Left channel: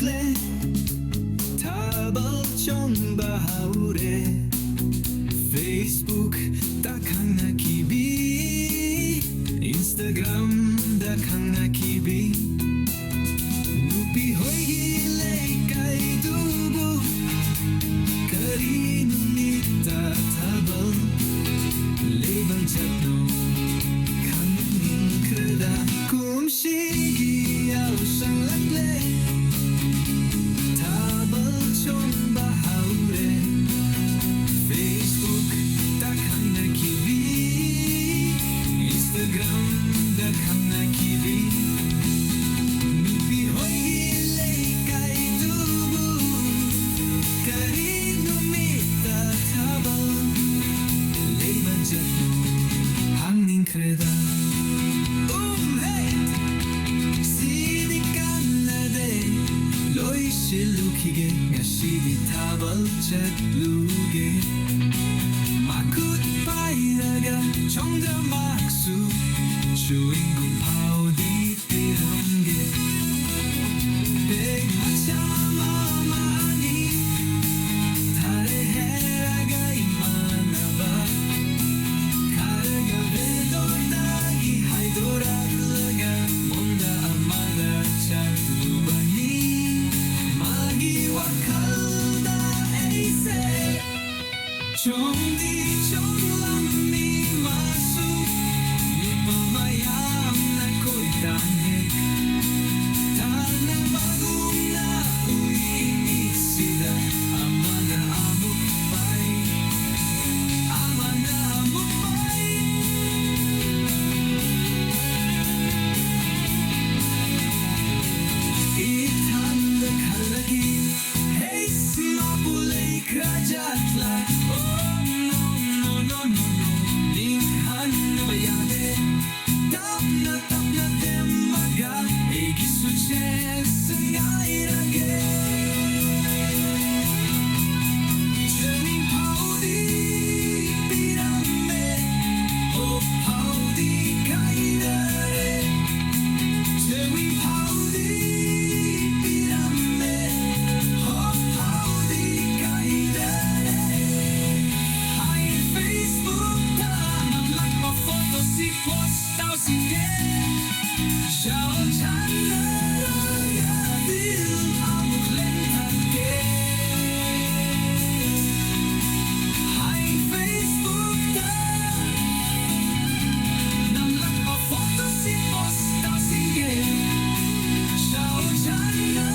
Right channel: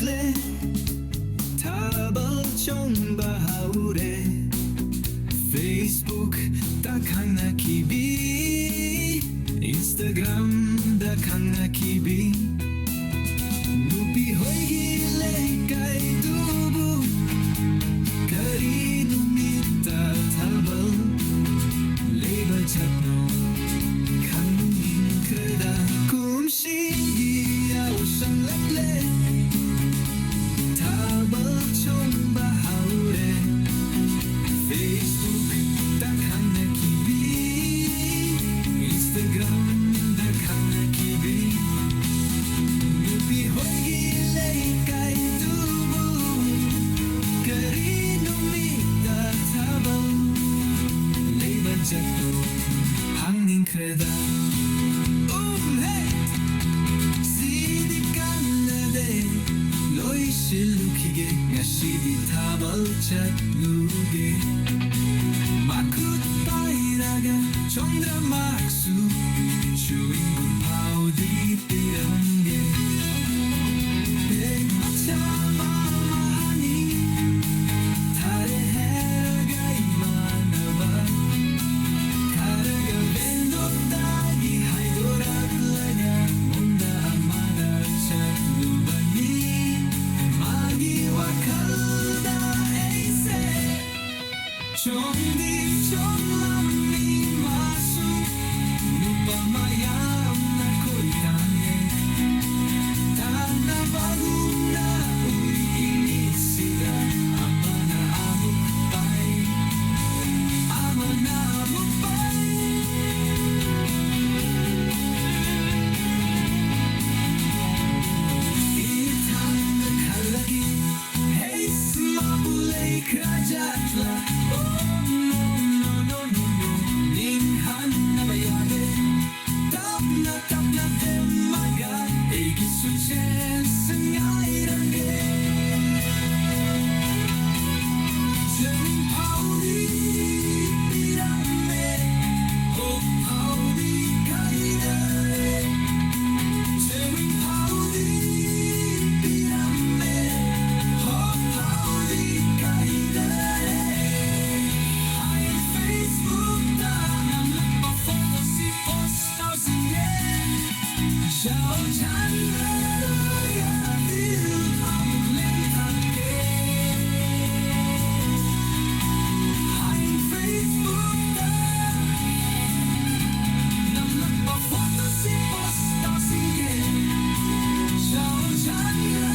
lakle tabal chong bahaure Facebook dakhang nakibi Instagram dakhang nakibi nupi hoigi leikai tubu kari numita tabal leba chatno kanging kreda kumshigi au sang lakle tabal chong bahaure Facebook dakhang nakibi Instagram dakhang nakibi nupi hoigi leikai tubu kari numita tabal leba chatno hanging kreda hey sidi kanade loi shilukige ngashidi tabal chatluge makut pairaga chongda maksu chewing gum paudi pirange beg macha mama ani tare heraga imanaba karaga vendor dagi haidorak laga monda amada chatlubani magi wakalda aise chongdi chonglammi masu lupa mayam na koitane tana bagum na ui inisida amana amuk pai amana amuk pai itat da kalagi hey smabulei krajatla no no no no no ninghan na bayade tap na demaga egi suchen sengairage chewing paudi pirame oh paudi kaidare chewing paudi pirame oh paudi kaidare hi Facebook na namlak ma photo si postao singe Shao chana ya dil amuk lentate hi Facebook na namlak ma photo si postao singe Shao chana